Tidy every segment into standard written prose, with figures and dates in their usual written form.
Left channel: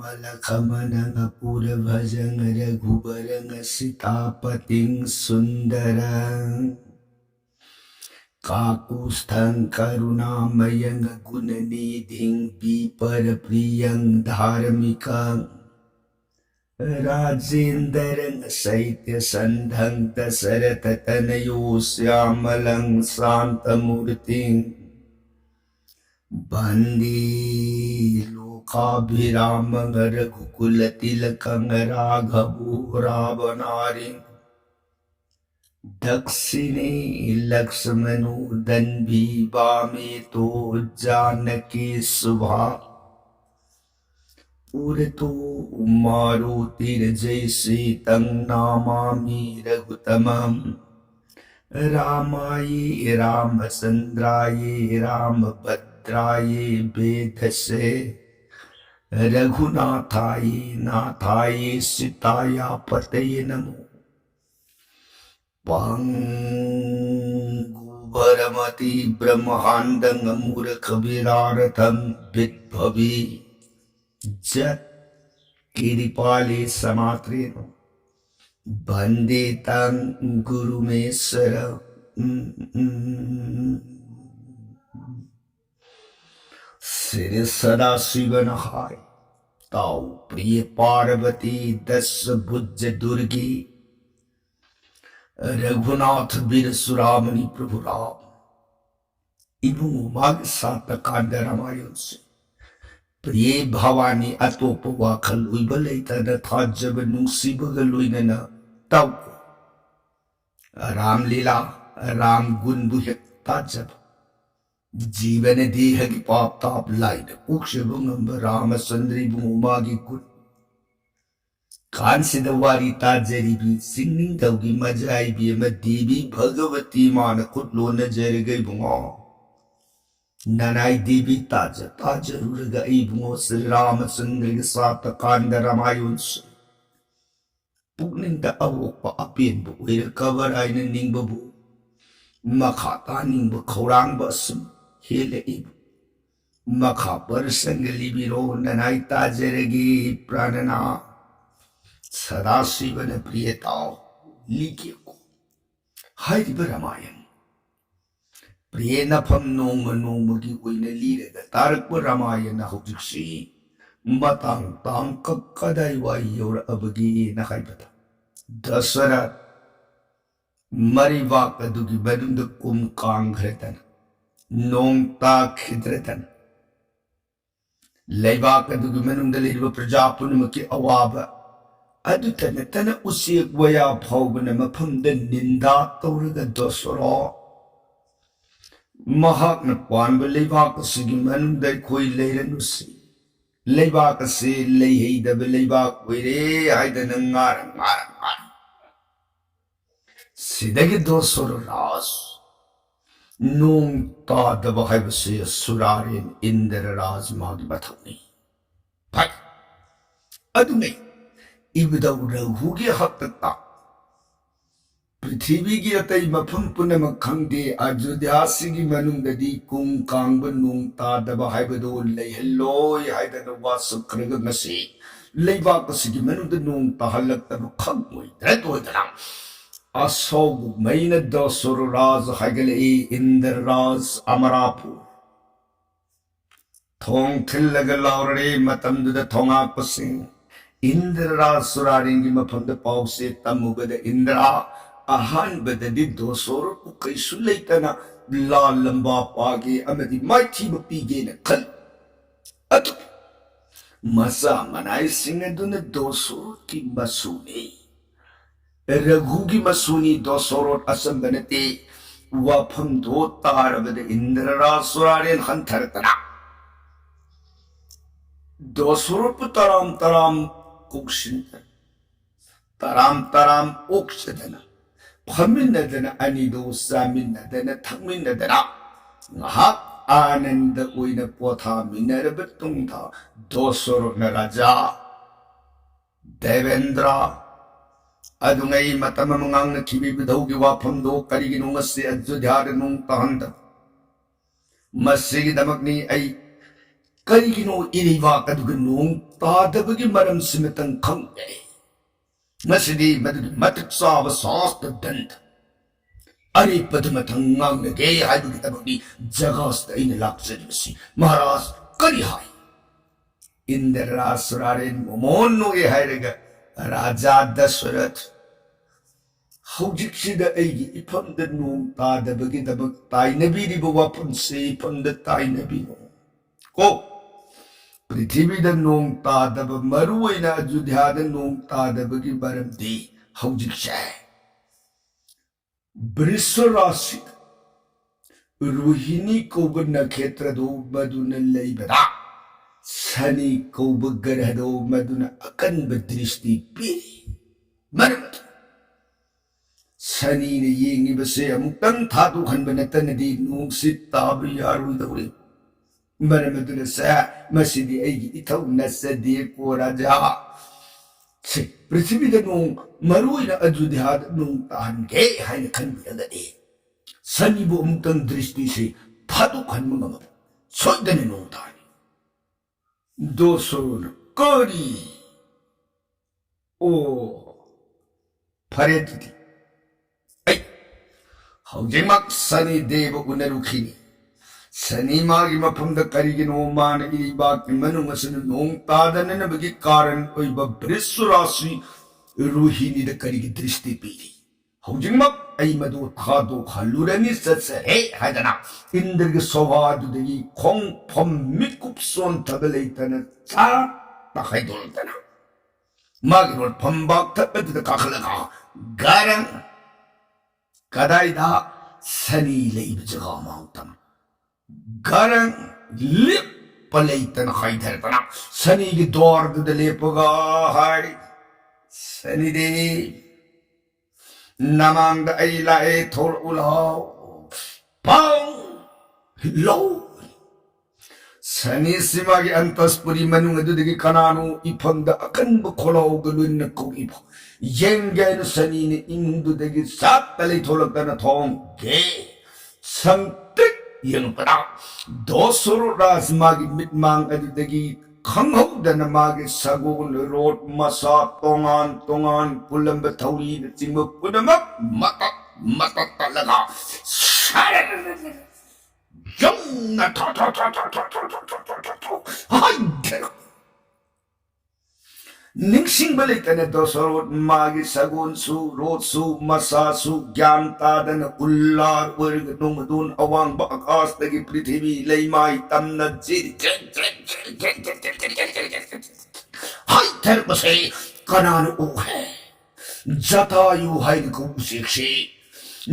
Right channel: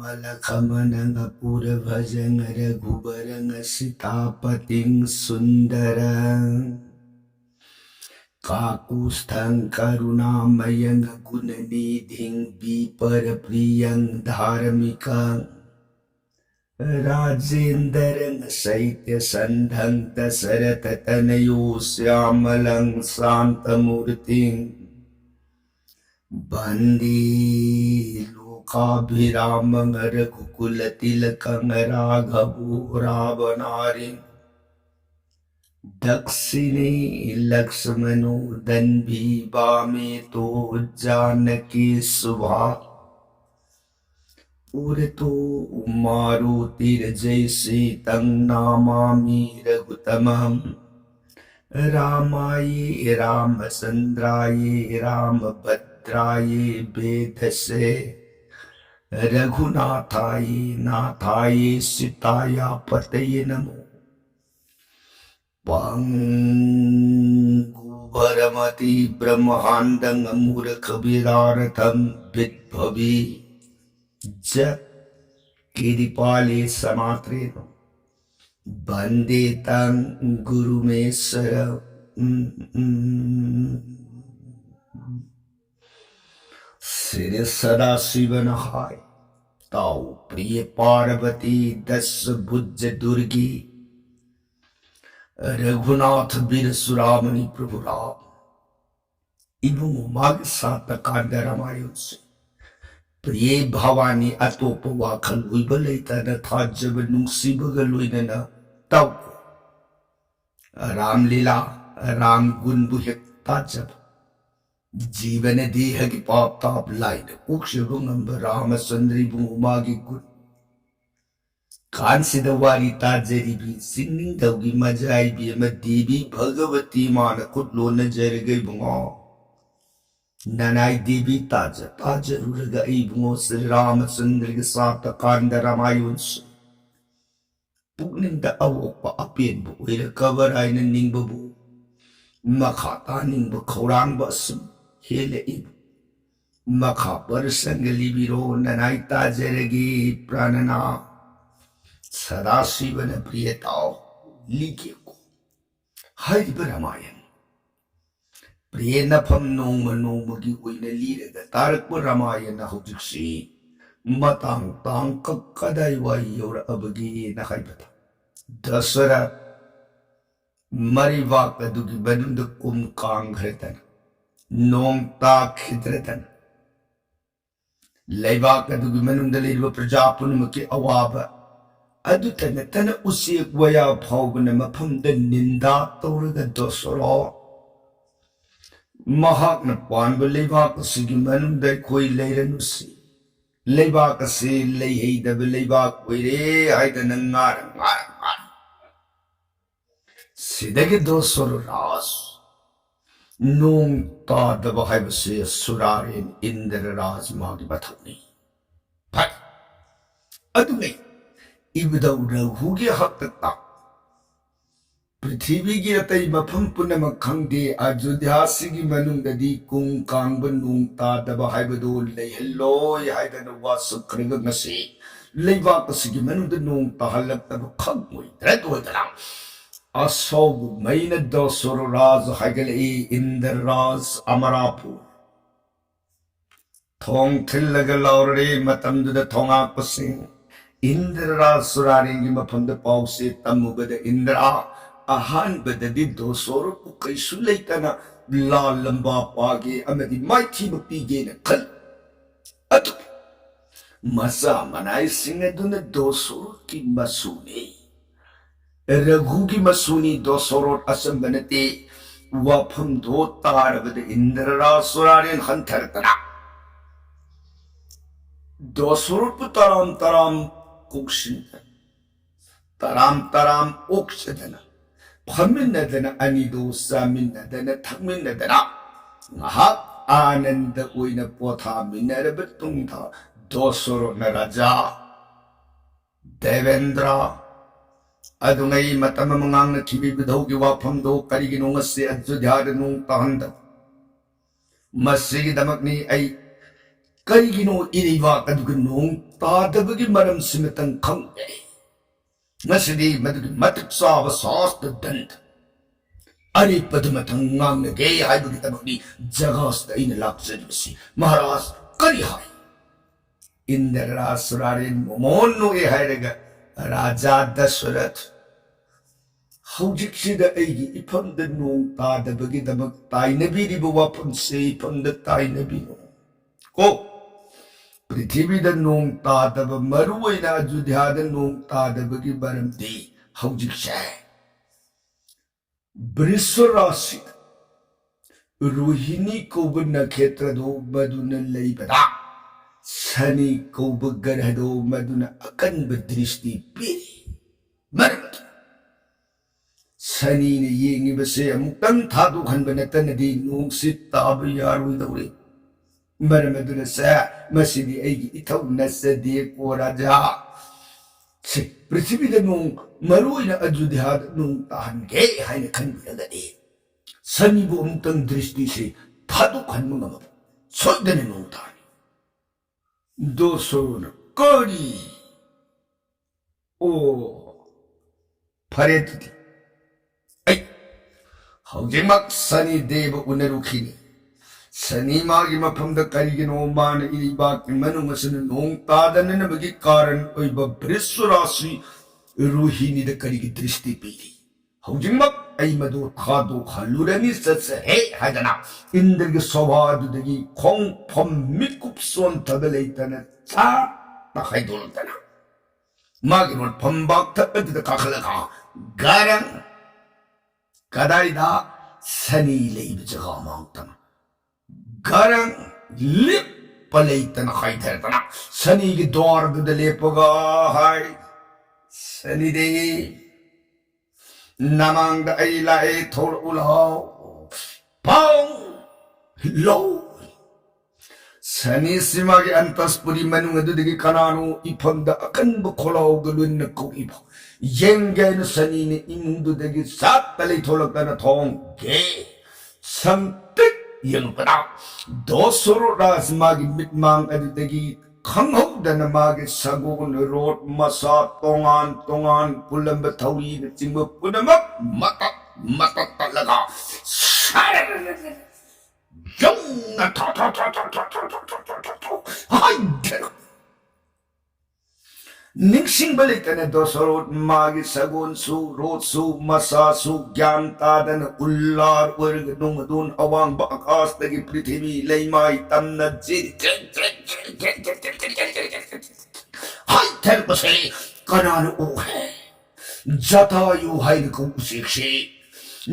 लखमन पुर भजन रघुबर सीतापति सुंदर काकुस्थं करुणामयं गुणनिधिं विपर प्रियं धार्मिकं राजेन्द्रं शैत्य संधं दशरथ तनयो श्यामलं शांतमूर्तिं वंदे लोकाभिरामं रघुकुलतिलकं राघवो रावणारिं दक्षिणे लक्ष्मणो दन्वी वामे तो जानकी शुभा पुरतो मारुतिर्जयसे तं नमामि रघुतमं रामाय रामचन्द्राय रामभद्राय वेधसे रघुनाथाय नाथाय सीताय पतये नमो भरमति ब्रह्मांडं मूर्ख विरारथं विद्भवी जत् कृपाले समात्रेण वंदे तं गुरुमेश्वर श्री सदाशिवनहाय ताऊ प्रिय पार्वती दस भुज दुर्गी रघुनाथ वीर सुरामणि प्रभु राम इबुंगु माग सात कांड रामायण से प्रिय भवानी अतोप वाखल उइब लेतन थाजब नुंसीबग लोइनन तौ रामलीला राम गुण बुहेक ताजब जीवन देह की पाप ताप लाइन उक्षबंगम रामचंद्री बुंगु मागी गुण कांसिद वारी ताजरीबी सिंगनिंग दौगी मजाइबी देवी भगवती मान खुदलोन जरगई बुंगो ननाई देवी ताज ताजरुरगा बुंगो श्री रामचंद्र के साथ कांड रामायण पुगनिंग अवोप अपेनबु ओइरकबर आइन निंगबबु मखा तानिंग खौरांग असुम हेले मखा पर संग लिबिरो ननाई ताजरगी प्राणना सदाशिवन प्रियताओ लिखे को हाइब रामायण प्रिय नफम नोम नोम की ओइने लीरग तारक रामायण हौजिक्सी मतांग तांग कदाई वाई योर अबगी नखाइबता दशरथ मरिवाक दुगी बनुंद कुम कांग्रतन नोंग ता खिद्रतन लैवाक दुगी मनुंद लेरिब प्रजा पुनमकी अवाब अदुतन तन उसिक वया फाउबन मफमद निंदा तौरग दोसरो महाकन पानब लैबाक सिगी मनुंद खोई लैरनुसी लैबाक से लैहैदब लैबाक ओइरे हाइदन ngar सिदगे दोसरो राज नोंग तादब हाइबसे सुरारेन इंद्र राज मागी बथौनी भाई अदुनै इबदौ रघुगी हक्तता पृथ्वी की अतई मफम पुनम खंगदे अयोध्यासिगी मनुंगददी कुंग कांगब नोंग तादब हाइबदो लैहल्लोय हाइदन वासुख्रग ngasi लैबाक सिगी मनुंग नोंग ताहलक्तब खंगोय द्रतोयदना असौब मैन दोसरो राज हाइगले इंद्र राज अमरापुर थोंग थिल्लग लौररे मतमदुद थोंगा पसिंग इंद्र राज सुरारेंगी मफमद पाउसे तमुगद इंद्रा अहान बददी दोसोरो कैसु लेतना ला लंबा पागे अमदी माइथी बपीगे न खल अतु मसा मनाई सिंह दुन दोसोरो की मसूनी रघु की मसूनी दोसोरो असम बनते वाफम दो तारबद इंद्र राज सुरारेन हंथरतना दोसोरो पुतराम तराम कुक्षिंदन तराम तराम ओक्षदना फमिन्नदना अनिदो सामिन्नदना थमिन्नदना ngahak आनंद ओइना पोथा मिनरब तुंगथा दोसोरो न राजा देवेंद्र अदुंगई मतम मंगांग न खिबी बिधौ की वाफम दो करिगिनो ngase अयोध्या नोंग तहंद मसिगी दमकनी आई ꯀꯔꯤꯒꯤꯅꯣ ꯏꯔꯩꯕꯥꯛ ꯑꯗꯨꯒ ꯅꯣꯡ ꯇꯥꯗꯕꯒꯤ ꯃꯔꯝꯁꯤꯃꯇꯪ ꯈꯪꯗꯦ ꯉꯁꯤꯗꯤ ꯃꯗꯨꯒꯤ ꯃꯇꯤꯛ ꯆꯥꯕ ꯁꯥꯁꯇ꯭ꯔꯗꯟꯇ ꯑꯔꯦꯞꯄꯗꯨꯃꯇꯪ ꯉꯥꯡꯅꯒꯦ ꯍꯥꯏꯕꯒꯤꯗꯃꯛꯅꯤ ꯖꯒꯥꯁꯤꯗ ꯑꯩꯅ ꯂꯥꯛꯆꯔꯤꯕꯁꯤ ꯃꯍꯥꯔꯥꯖ ꯀꯔꯤ ꯍꯥꯏ ꯏꯟꯗ꯭ꯔ ꯔꯥꯁꯨꯔꯥꯔꯦꯟ ꯃꯣꯃꯣꯟ ꯅꯣꯛꯑꯦ ꯍꯥꯏꯔꯒ ꯔꯥꯖꯥ ꯗꯁꯔꯊ ꯍꯧꯖꯤꯛꯁꯤꯗ ꯑꯩꯒꯤ ꯏꯐꯝꯗ ꯅꯣꯡ ꯇꯥꯗꯕꯒꯤꯗꯃꯛ ꯇꯥꯏꯅꯕꯤꯔꯤꯕ ꯋꯥꯐꯝꯁꯦ ꯏꯐꯝꯗ ꯇꯥꯏꯅꯕꯤꯅꯣ ꯀꯣ ꯄ꯭ꯔꯤꯊꯤꯕꯤꯗ ꯅꯣꯡ ꯇꯥꯗꯕ ꯃꯔꯨꯑꯣꯏꯅ ꯑꯌꯨꯙ꯭ꯌꯥꯗ ꯅꯣꯡ ꯇꯥꯗꯕꯒꯤ ꯃꯔꯝꯗꯤ ꯍꯧꯖꯤꯛꯁꯦ ꯕ꯭ꯔꯤꯁ ꯔꯥꯁꯤꯗ ꯔꯣꯍꯤꯅꯤ ꯀꯧꯕ ꯅꯈꯦꯇ꯭ꯔꯗꯣ ꯃꯗꯨꯅ ꯂꯩꯕꯗ ꯁꯅꯤ ꯀꯧꯕ ꯒ꯭ꯔꯍꯗꯣ ꯃꯗꯨꯅ ꯑꯀꯟꯕ ꯗ꯭ꯔꯤꯁꯇꯤ ꯄꯤꯔꯤ ꯃꯔꯝꯗꯤ ꯁꯅꯤꯅ ꯌꯦꯡꯉꯤꯕꯁꯦ ꯑꯃꯨꯛꯇꯪ ꯊꯥꯗꯣꯛꯍꯟꯕ ꯅꯠꯇꯅꯗꯤ ꯅꯣꯡꯁꯤ ꯇꯥꯕ ꯌꯥꯔꯣꯏꯗꯧꯔꯤ ꯃꯔꯝ ꯑꯗꯨꯅ ꯃꯁꯤꯗꯤ ꯑꯩꯒꯤ ꯏꯊꯧ ꯅꯠꯆꯗꯦ ꯀꯣ ꯔꯥꯖꯥ ꯄ꯭ꯔꯤꯊꯤꯕꯤꯗ ꯅꯣꯡ ꯃꯔꯨꯑꯣꯏꯅ ꯑꯌꯨꯙ꯭ꯌꯥꯗ ꯅꯣꯡ ꯇꯥꯍꯟꯒꯦ ꯍꯥꯏꯅ ꯈꯟꯕꯤꯔꯒꯗꯤ ꯁꯅꯤꯕꯨ ꯑꯃꯨꯛꯇꯪ ꯗ꯭ꯔꯤꯁꯇꯤꯁꯤ ꯊꯥꯗꯣꯛꯍꯟꯕ ꯉꯝꯃꯕ ꯁꯣꯏꯗꯅ ꯅꯣꯡ ꯇꯥꯅꯤ ꯗꯣꯁꯣꯔꯣꯅ ꯀꯔꯤ ꯑꯣ ꯐꯔꯦ ꯑꯗꯨꯗꯤ ꯑꯩ ꯍꯧꯖꯤꯛꯃꯛ ꯁꯅꯤ ꯗꯦꯕ ꯎꯅꯔꯨꯈꯤꯅꯤ ꯁꯅꯤ ꯃꯥꯒꯤ ꯃꯐꯝꯗ ꯀꯔꯤꯒꯤꯅꯣ ꯃꯥꯅ ꯏꯔꯩꯕꯥꯛꯀꯤ ꯃꯅꯨꯡ ꯑꯁꯤꯗ ꯅꯣꯡ ꯇꯥꯗꯅꯅꯕꯒꯤ ꯀꯥꯔꯟ ꯑꯣꯏꯕ ꯕ꯭ꯔꯤꯁ ꯔꯥꯁꯤ ꯔꯣꯍꯤꯅꯤꯗ ꯀꯔꯤꯒꯤ ꯗ꯭ꯔꯤꯁꯇꯤ ꯄꯤꯔꯤ ꯍꯧꯖꯤꯛꯃꯛ ꯑꯩ ꯃꯗꯨ ꯊꯥꯗꯣꯛꯍꯜꯂꯨꯔꯅꯤ ꯆꯠꯆꯔꯦ ꯍꯥꯏꯗꯅ ꯏꯟꯗ꯭ꯔꯒꯤ ꯁꯣꯚꯥꯗꯨꯗꯒꯤ ꯈꯣꯡꯐꯝ ꯃꯤꯀꯨꯞ ꯁꯣꯟꯊꯕ ꯂꯩꯇꯅ ꯆꯥꯛꯇ ꯍꯥꯏꯗꯣꯛꯂꯛꯇꯅ ꯃꯥꯒꯤ ꯂꯣꯠꯐꯝ ꯕꯥꯛꯊꯛ ꯑꯗꯨꯗ ꯀꯥꯈꯠꯂꯒ ꯒꯥꯔꯪ ꯀꯗꯥꯏꯗ ꯁꯅꯤ ꯂꯩꯕ ꯖꯒꯥ ꯃꯥꯡꯇꯪ ꯒꯥꯔꯪ ꯂꯦꯞꯄ ꯂꯩꯇꯅ ꯍꯥꯏꯊꯔꯛꯇꯅ ꯁꯅꯤꯒꯤ ꯗ꯭ꯋꯥꯔꯗꯨꯗ ꯂꯦꯞꯄꯒ ꯍꯥꯏ ꯁꯅꯤꯗꯦ ꯅꯃꯥꯡꯗ ꯑꯩ ꯂꯥꯛꯑꯦ ꯊꯣꯛꯂꯛꯎ ꯂꯥꯎ ꯄꯥꯎ ꯂꯧ ꯁꯅꯤꯁꯤ ꯃꯥꯒꯤ ꯑꯟꯇꯁꯄꯨꯔꯤ ꯃꯅꯨꯡ ꯑꯗꯨꯗꯒꯤ ꯀꯅꯥꯅꯣ ꯏꯐꯝꯗ ꯑꯀꯟꯕ ꯈꯣꯜꯂꯥꯎꯒ ꯂꯣꯏꯅꯅ ꯀꯧꯏꯕ ꯌꯦꯡꯒꯦ ꯍꯥꯏꯅ ꯁꯅꯤꯅ ꯏꯃꯨꯡꯗꯨꯗꯒꯤ ꯆꯥꯛꯇ ꯂꯩꯊꯣꯛꯂꯛꯇꯅ ꯊꯣꯡꯒꯦ ꯁꯪꯇ꯭ꯔꯤꯛ ꯌꯦꯡꯉꯛꯄꯗ ꯗꯣꯁꯣꯔꯣ ꯔꯥꯖ ꯃꯥꯒꯤ ꯃꯤꯠꯃꯥꯡ ꯑꯗꯨꯗꯒꯤ ꯈꯪꯍꯧꯗꯅ ꯃꯥꯒꯤ ꯁꯒꯣꯜ ꯔꯣꯠ ꯃꯁꯥ ꯇꯣꯉꯥꯟ ꯇꯣꯉꯥꯟ ꯄꯨꯜꯂꯝꯕ ꯊꯧꯔꯤꯅꯆꯤꯡꯕ ꯄꯨꯝꯅꯃꯛ ꯃꯇꯠ ꯃꯇꯠ ꯇꯠꯂꯒ ꯌꯧꯅ ꯍꯥꯏꯊꯔꯛ ꯅꯤꯡꯁꯤꯡꯕ ꯂꯩꯇꯅ ꯗꯣꯁꯣꯔꯣꯠ ꯃꯥꯒꯤ ꯁꯒꯣꯜꯁꯨ ꯔꯣꯠꯁꯨ ꯃꯁꯥꯁꯨ ꯒ꯭ꯌꯥꯟ ꯇꯥꯗꯅ ꯎꯜꯂꯥꯔ ꯑꯣꯏꯔꯒ ꯅꯣꯡꯃꯗꯣꯟ ꯑꯋꯥꯡꯕ ꯑꯀꯥꯁꯇꯒꯤ ꯄ꯭ꯔꯤꯊꯤꯕꯤ ꯂꯩꯃꯥꯏ ꯇꯝꯅ ꯍꯥꯏꯊꯔꯛꯄꯁꯦ ꯀꯅꯥꯅ ꯎꯍꯦ ꯖꯇꯥꯌꯨ ꯍꯥꯏꯅ ꯀꯧꯕ ꯎꯆꯦꯛꯁꯤ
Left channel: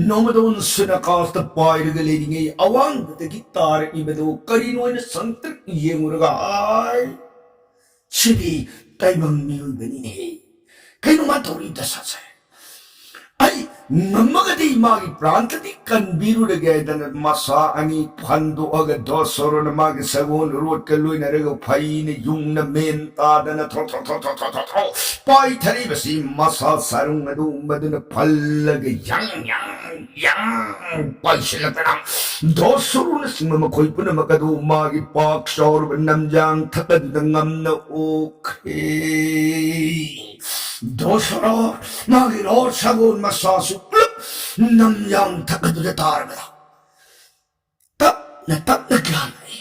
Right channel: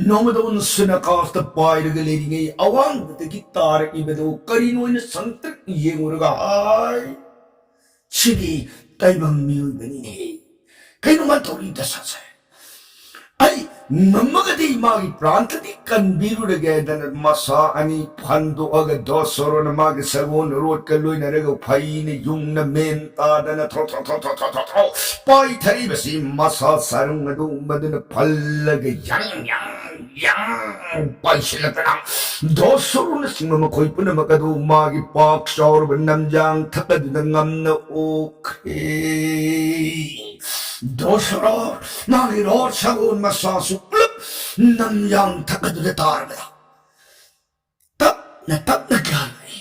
ꯅꯣꯡꯃꯗꯣꯟ ꯁꯨꯅꯀꯥꯁꯇ ꯄꯥꯏꯔꯒ ꯂꯩꯔꯤꯉꯩ ꯑꯋꯥꯡꯕꯗꯒꯤ ꯇꯥꯔꯛꯏꯕꯗꯣ ꯀꯔꯤꯅꯣ ꯍꯥꯏꯅ ꯁꯪꯇ꯭ꯔꯤꯛ ꯌꯦꯡꯉꯨꯔꯒ ꯍꯥꯏ ꯁꯤꯗꯤ ꯇꯥꯏꯕꯪ ꯃꯤꯑꯣꯏꯕꯅꯤꯅꯦ ꯀꯩꯅꯣ ꯃꯥ ꯇꯧꯔꯤ ꯗꯁꯥꯁꯦ ꯑꯩ ꯉꯝꯃꯒꯗꯤ ꯃꯥꯒꯤ ꯄ꯭ꯔꯥꯟꯇꯗꯤ ꯀꯟꯕꯤꯔꯨꯔꯒꯦ ꯍꯥꯏꯗꯅ ꯃꯁꯥ ꯑꯅꯤ ꯐꯟꯗꯣꯛꯑꯒ ꯗꯣꯁꯣꯔꯣꯅ ꯃꯥꯒꯤ ꯁꯒꯣꯜ ꯔꯣꯠꯀ ꯂꯣꯏꯅꯔꯒ ꯐꯩꯅ ꯌꯨꯡꯅ ꯃꯦꯟ ꯇꯥꯗꯅ ꯄꯥꯏꯊꯔꯤꯕꯁꯤ ꯃꯁꯥ ꯁꯔꯨꯡ ꯑꯗꯨ ꯃꯗꯨꯅ ꯐꯜꯂꯒ yang ꯄꯥꯏꯁꯤꯜꯂꯛꯇꯅ ꯗꯣꯁꯣꯔꯣꯅ ꯆꯤꯡꯕ ꯃꯈꯣꯏ ꯄꯨꯝꯅꯃꯛ ꯑꯗꯨ ꯃꯥꯒꯤ ꯄꯥꯛ ꯆꯥꯎꯔꯕ ꯅꯝꯖꯥꯡ ꯊꯛ ꯑꯗꯨꯗ ꯉꯝꯅ ꯑꯣꯛꯈ꯭ꯔꯦ ꯗꯣꯁꯣꯔꯣ ꯃꯥꯒꯤ ꯔꯣꯠ ꯁꯒꯣꯜ ꯃꯁꯥꯁꯨ ꯄꯨꯂꯞ ꯅꯝꯖꯥꯡ ꯊꯛ ꯑꯗꯨꯗ ꯇꯥꯔꯕꯗ ꯇꯞꯅ ꯇꯞꯅ ꯒ꯭ꯌꯥꯟꯅꯩ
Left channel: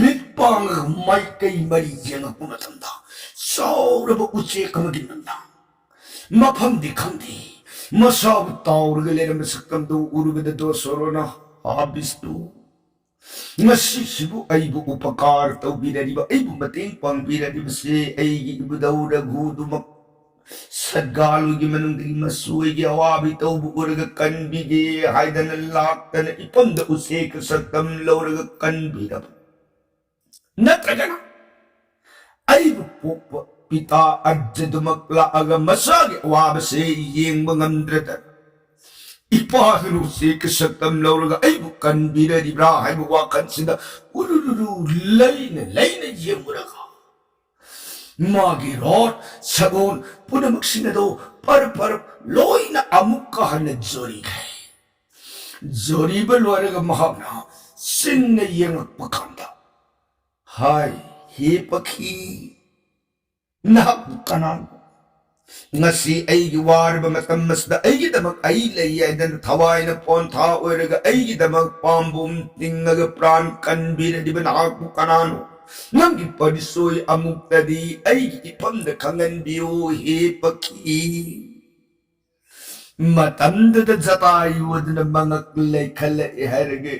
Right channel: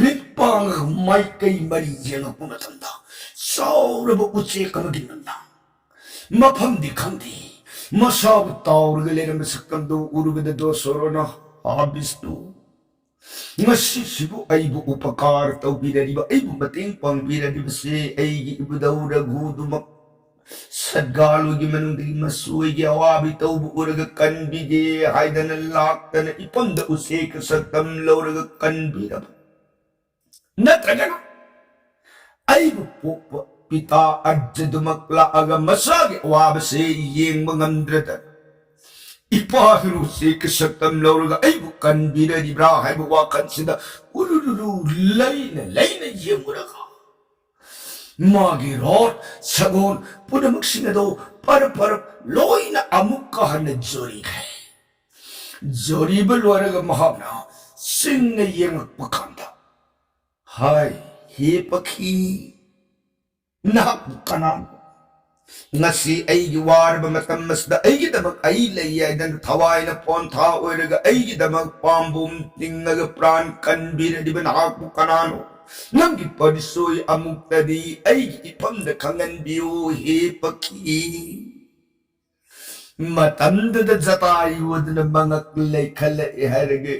ꯃꯤꯠ ꯄꯥꯡꯉꯒ ꯃꯥꯏꯀꯩ ꯃꯔꯤ ꯌꯦꯡꯉꯛꯄ ꯃꯇꯝꯗ ꯆꯥꯎꯔꯕ ꯎꯆꯦꯛ ꯑꯃꯒꯤ ꯅꯝꯗꯥꯡ ꯃꯐꯝꯗꯤ ꯈꯪꯗꯦ ꯃꯁꯥꯕꯨ ꯇꯥꯎꯔꯒ ꯂꯩꯔꯝꯕ ꯁꯛꯇꯝꯗꯨ ꯎꯔꯨꯕꯗ ꯗꯣꯁꯣꯔꯣꯅ ꯕꯤꯁꯅꯨ ꯉꯁꯤꯁꯤꯕꯨ ꯑꯩꯕꯨ ꯎꯄꯀꯥꯔ ꯇꯧꯕꯤꯔꯤꯕ ꯑꯩꯕꯨ ꯃꯇꯦꯡ ꯄꯥꯡꯕꯤꯔꯤꯕꯁꯦ ꯑꯩꯒꯤ ꯏꯕꯨꯙꯧ ꯔꯘꯨꯗꯨꯃꯛ ꯁꯠꯒꯥꯂꯨꯒꯤ ꯃꯅꯨꯡꯗꯒꯤ ꯃꯁꯣꯏꯒꯤ ꯑꯋꯥꯕꯤ ꯇꯧꯕ ꯎꯔꯒ ꯀꯟꯕꯤꯒꯦ ꯍꯥꯏꯗꯅ ꯂꯥꯛꯇꯅ ꯏꯐꯝꯗ ꯎꯆꯦꯛ ꯁꯛꯇꯝ ꯂꯧꯔꯒ ꯀꯟꯕꯤꯔꯕ ꯅꯠꯇ꯭ꯔꯒꯅ ꯑꯩꯕꯨ ꯄꯣꯛꯄ ꯄꯤꯇꯥ ꯑꯔꯖꯗꯨꯃꯛ ꯂꯥꯛꯑꯒ ꯃꯁꯥꯒꯤ ꯑꯋꯥꯕꯁꯦ ꯌꯦꯡꯕ ꯉꯝꯗ꯭ꯔꯗ ꯏꯄꯥꯗꯨꯅ ꯎꯆꯦꯛ ꯁꯛꯇꯝ ꯂꯧꯔꯒ ꯑꯩꯕꯨ ꯀꯟꯕꯤꯔꯤꯕ꯭ꯔꯥ ꯍꯥꯏꯕ ꯋꯥꯈꯜꯁꯤꯗ ꯎꯔꯨꯔꯨ ꯂꯩꯅ ꯂꯩꯅ ꯌꯦꯡꯉꯨꯔꯒ ꯃꯥꯒꯤ ꯔꯣꯠ ꯁꯒꯣꯜ ꯄꯨꯝꯅꯃꯛꯁꯤꯡ ꯑꯗꯨ ꯄꯔꯞ ꯄꯔꯞ ꯂꯣꯏꯅ ꯑꯃꯨꯛꯀ ꯍꯟꯅ ꯖꯣꯔꯤꯈ꯭ꯔꯦ ꯖꯣꯔꯤꯕ ꯂꯣꯏꯔꯒ ꯃꯍꯥꯛꯅ ꯆꯤꯡꯅ ꯌꯦꯡꯉꯛꯄ ꯀꯥꯟꯗ hai he pakhi na kanan ngasi ai gi war ba matam masda ai gi damak ai lei ai dan thawai na pon tha oiraga ai gi damak pambum tingaga pran kan bir di ban hak kanano nangi padisoi amuk tadi ai gi pam da kangan biu he pakhi matam da jatai wad na mangak lei khala harge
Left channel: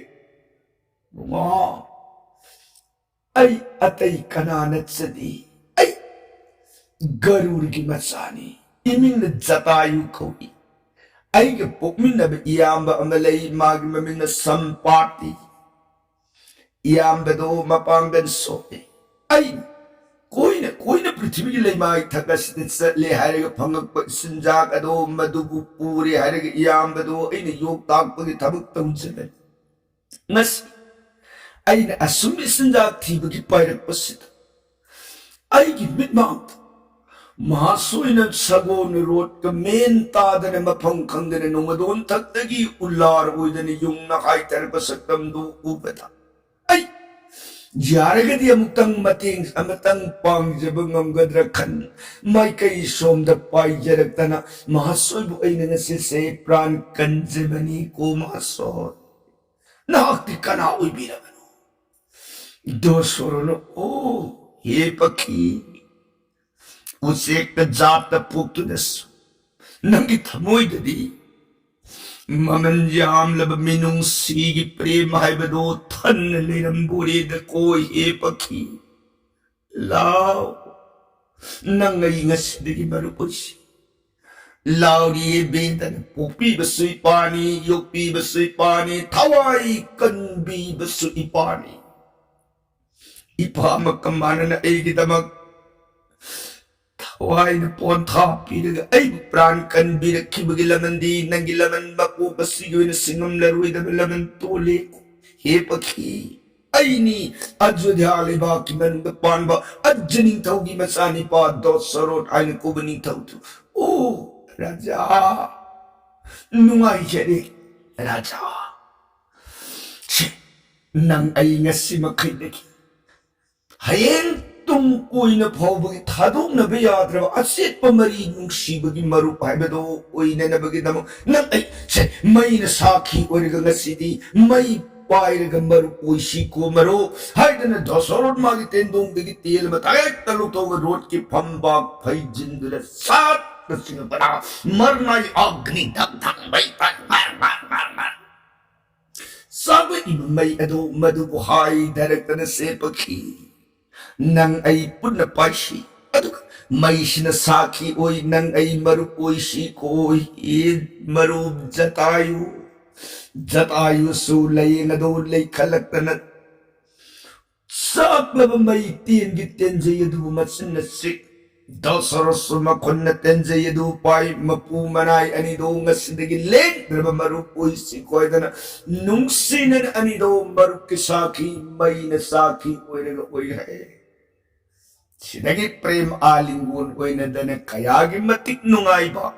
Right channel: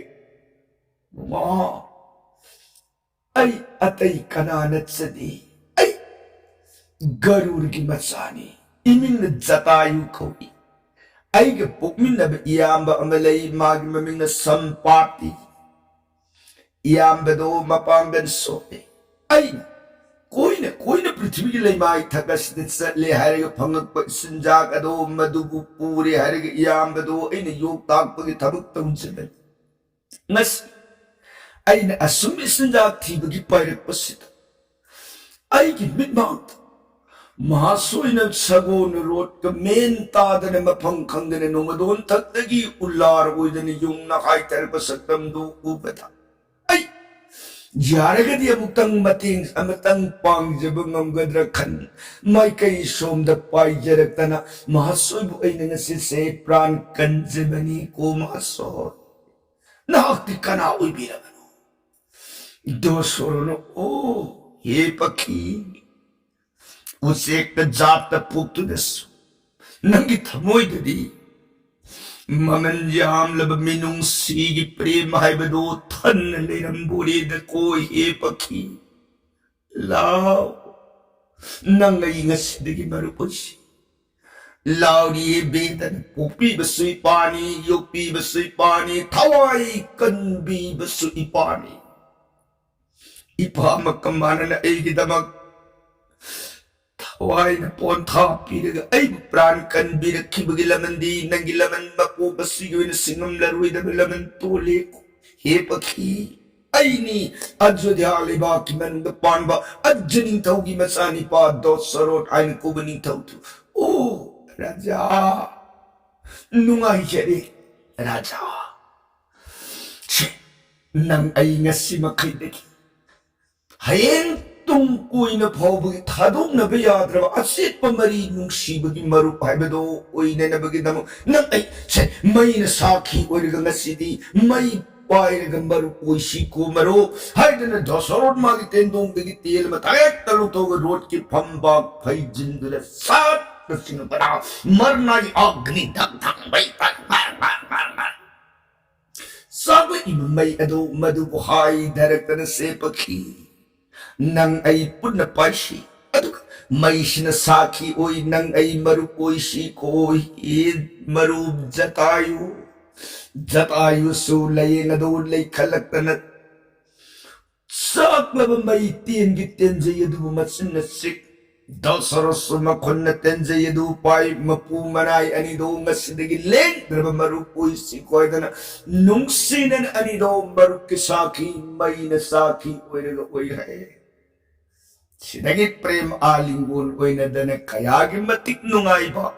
ma ai atai kananat sadi ai garur gi matsani iming na jatayu khawi ai ge pokmin na iyamba amalai magi maming na sampati iyamba do mapangan sope ai koina prithvi gi leimai thagas dit le harega phangak pa sinjak ado madubu puri harega iyamba do aina yok tak pagi thabuk taunjebe ngas aina asumi sinjak thibagi pairak pasit ai gi mitmang Mahasoina sagon road ka main tadana mapang kangdana numadon tatagi ular uidani yung nakaitar pasaktam do ubata. Ay! Jaragadi amutang mating amatang pangjabang ang gadrakan may kay som da pay jaraktana mahasoy bu ay nangasise pran kanjabani ko mahasoy. Nakakti ka na uy bilang ano. Dosoro no, oh, ye paki. Usik ka jat na puktunas. Nangit hamoy dadi. Mamanjam laba minung sige prema hay bado tan na linamburi da ko he paki. Lao. Nangay nga sidagi marupos. Lao di benta na pupi basoy pani, yopi basoy pani, taway kanbi basoy pani. Ipahamak kamana na ay gitamag Why na ponta pinaga ay pran kan birak kibagilaman di nang gilaman mapu basiyo na singam laruy da laman tuli he pakhi ay ni adjo di aliba kiman da pan ba adjaning tawgi masani pa do sarot ay kubaning tawtu oh raja nungay jere raja nang ay ngasi makidagi hayeng tungkoy na paubagi tadong na bayadra asit pamari nung sibagi marup haibado oy na nabagi namo nang ay may nasaki origa nga sidi may pairaga marup oy siko maru hayda na dosorot magitendong bigitil matayag talutong rot ki pambag pay jindula sat na sinupana marnay agni dagdang bay sabi imay ado madubuhay darakta na sepaki nang ay puna paisi aduh may sinasaki oy nang ay marupoy si koy marub jatayo sulay nga doon lay kalaktanat sak laba may tien giten jayadu matsin na sik dasaros makon na ten jayadu pay mapumanay anido nga sidagi leng naba marupoy si koy dana nung sinan anido marup kisaki may nasaki oy naga oy hay Sinagi prem alingun oy na dana kayagi matik nungay ba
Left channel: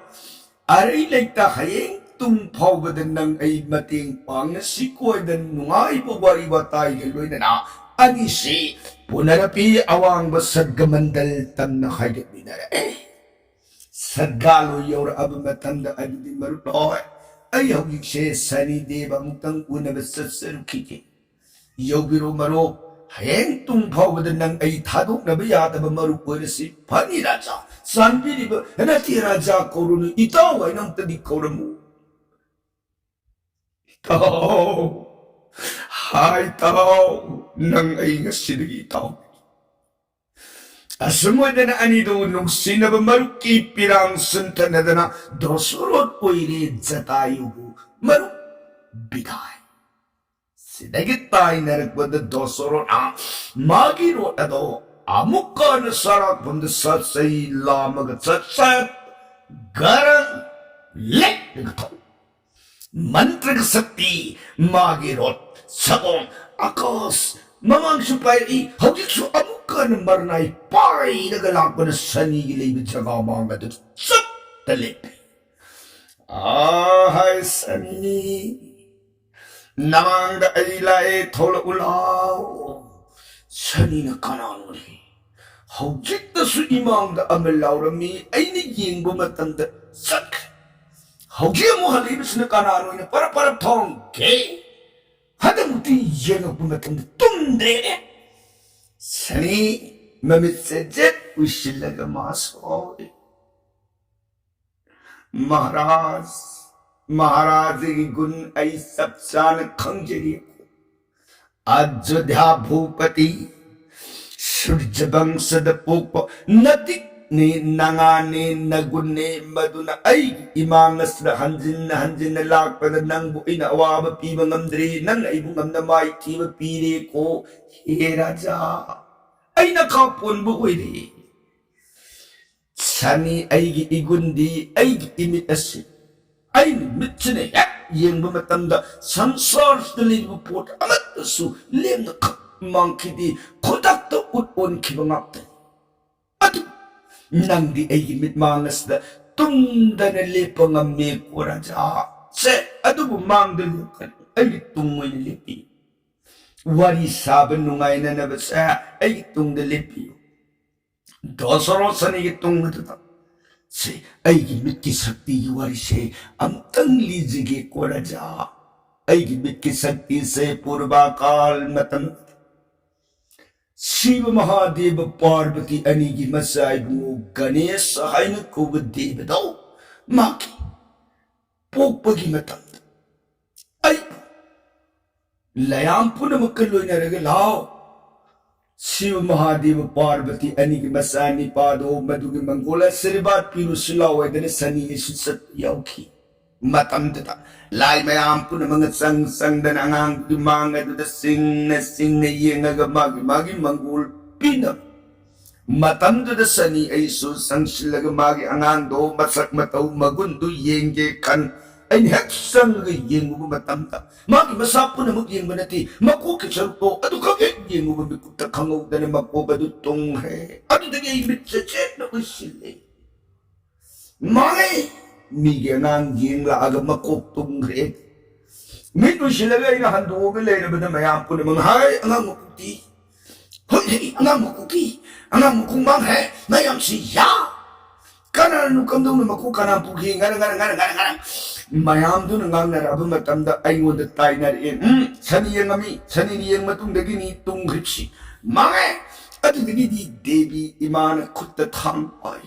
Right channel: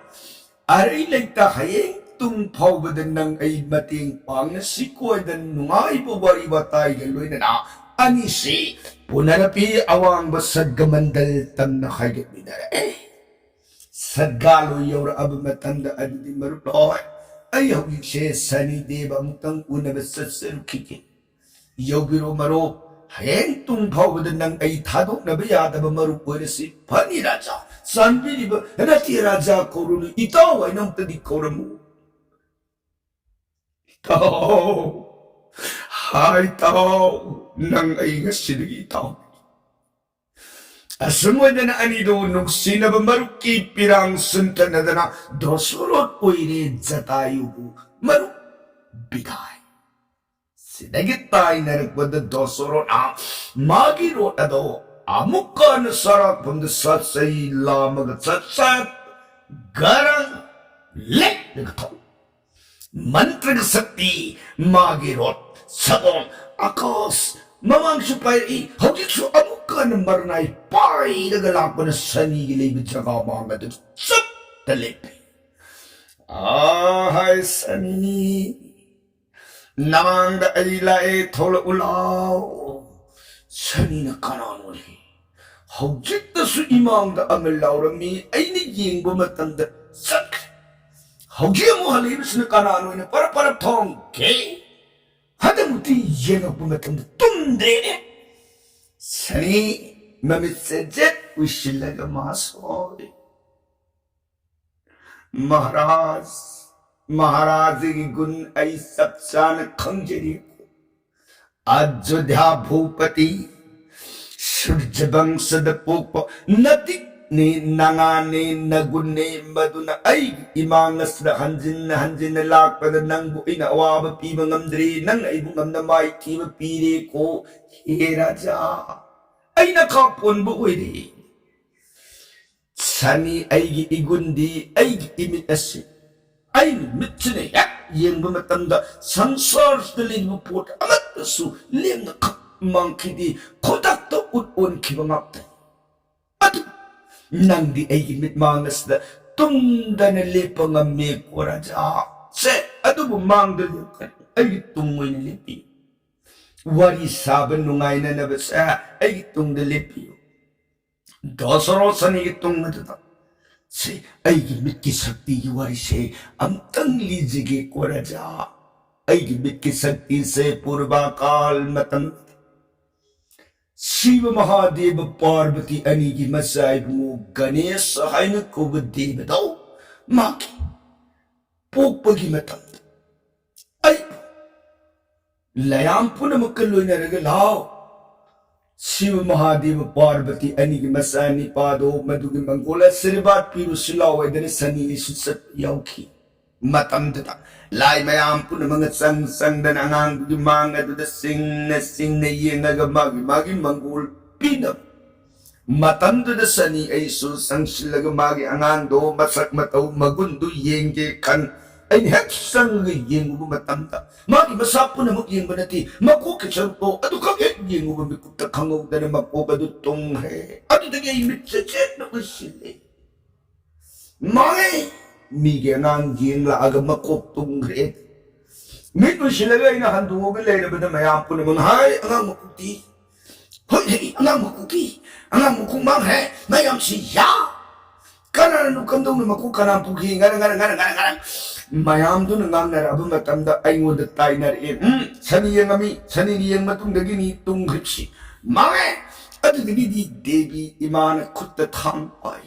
aray lagta hayeng tung paubadan ng ay mating pang na sikoy dan nungay ba wari watay galoy na anisi punarapi awang basad gamandal tam na kayag minara sadgalo yawra abamatanda adidi marutoy ay hawig siya sani deba mutang una basad sarukiki yaw biro marok hayeng tung paubadan ng ay tadok na bayada ba marupoy na si Pani Raja sanbiri ba nati Raja korunu itaw ay nang tadik korumu itaw hay tao nang ay nga sinigi itaw asunod na anido nung sinaba maruki pirang sunta na dana dosurot uiri jatayo maruk biday Sinagit tayo na nagpanda dosoro na magiro na do amuka na sarak panda satsay lamag at satsat garang lek nagato mantrag sakti magirot sabong akos mamang supay hawdik su amuka na marnay pay nagalak na sanigilay bitsaga mga dito sap talip hay sani Namang da ay lae tola ulaw ꯁꯅꯤꯅ ꯀꯅꯥꯅꯣꯅꯦ ꯍꯧꯖꯤꯛꯇꯁꯨ ꯏꯃꯥꯡꯗ ꯑꯃ ꯂꯥꯎꯔꯝꯃꯤ ꯑꯩꯅ ꯌꯦꯡꯕ ꯃꯇꯝꯗ ꯆꯠꯈ꯭ꯔꯦ ꯍꯧꯖꯤꯛ ꯑꯃꯨꯛ ꯍꯜꯂꯛꯏꯕꯁꯤꯅ ꯀꯅꯥꯅꯣꯅ ꯄꯔꯞ ꯄꯔꯞ ꯊꯣꯡꯒꯦ ꯍꯟꯗꯛꯃꯨꯛꯇꯤ ꯌꯦꯡꯉꯛꯄ ꯃꯇꯝꯗ ꯇꯨꯝꯗ꯭ꯔꯦꯅꯦ ꯁꯅꯤ ꯃꯃꯤꯠꯁꯦ ꯖꯦꯠ ꯎꯏꯁꯤꯜꯂꯒ ꯃꯥ ꯁꯣꯏ महाराज की गुण आई सब चान खंजरी अयोध्या भूपति सूर्यवंश पोप नदी ने नंगा ने नगुन ने मधुन इमांगस हंजिन हंजिन लापद नंगु इन अवाब पीब ngамद्री नंग अइबु ngамना माई थीब पीरे को हे राजा अइना का पोनबु ओइरे सनी अइगी इगुंदी अइगी इमित असि अइनि मित्सने हेक येंबा मतंदा संसारदा लिबु पोट अमत्तसु लेमना खक मांखिदी खोदक्ता उट ओनखिबा ngapta अदु नंगदी अइगी मित मांगसदा तुमदने लेपा ngame को राजा से अदुबु मांगदरदि अइगी तुमोइने लेपि वारी साबन नुंगाइना नबसा अइगी तुंगदा लेपियो दसरो सनी की तुंग से अइगी मित की शक्ति की वारी से अमतंग लीजिए को राजा अइगी मित की शक्ति से पूर्वा काल मतम शिव महादेव पार्वती अनी की मसाइबु गणेश हाइन को देव दो माकी पोपगी मतम अइ लयाम पुन मक्कलोइना रग लाओ शिव महादेव पार्वती अनी की मसानी पादो मधुगी मंगोला सिरबात पीरु सिलाओदने सनी सुसत याउखी मतम तता लाई मयाम पुन मंग संग संगदन अंगांग की मांग दुद सिंग येंगग मागी मागी मंगोल पीन मतम दुद सनी ऐसु संगसिलग मागी अंगांग दो मसक मतौ मगुन दु येंगे कन अइन हेक संग येंगु मतम ता मागी मसा पुन मुक येंग बनती मको के चरुतो अदु खगे येंगु बिकुत खंगो दने मको बदु तुंग है अदु दगे मित चेत न उसिले मागे मीगे ngang yeng la aga makok tung re mit usilaga ina handu ge leina bada mayam pun mang hai angang makuti hoi angang makuti angang mukung mang hai mayam si ya kana nu kamdong na maku kana pugi ngara mayam du ngang na abu matam da aingo da tainar in sani yeng matung dagi ni tung ripsi mange adu dagi di devi imana khutta tham pai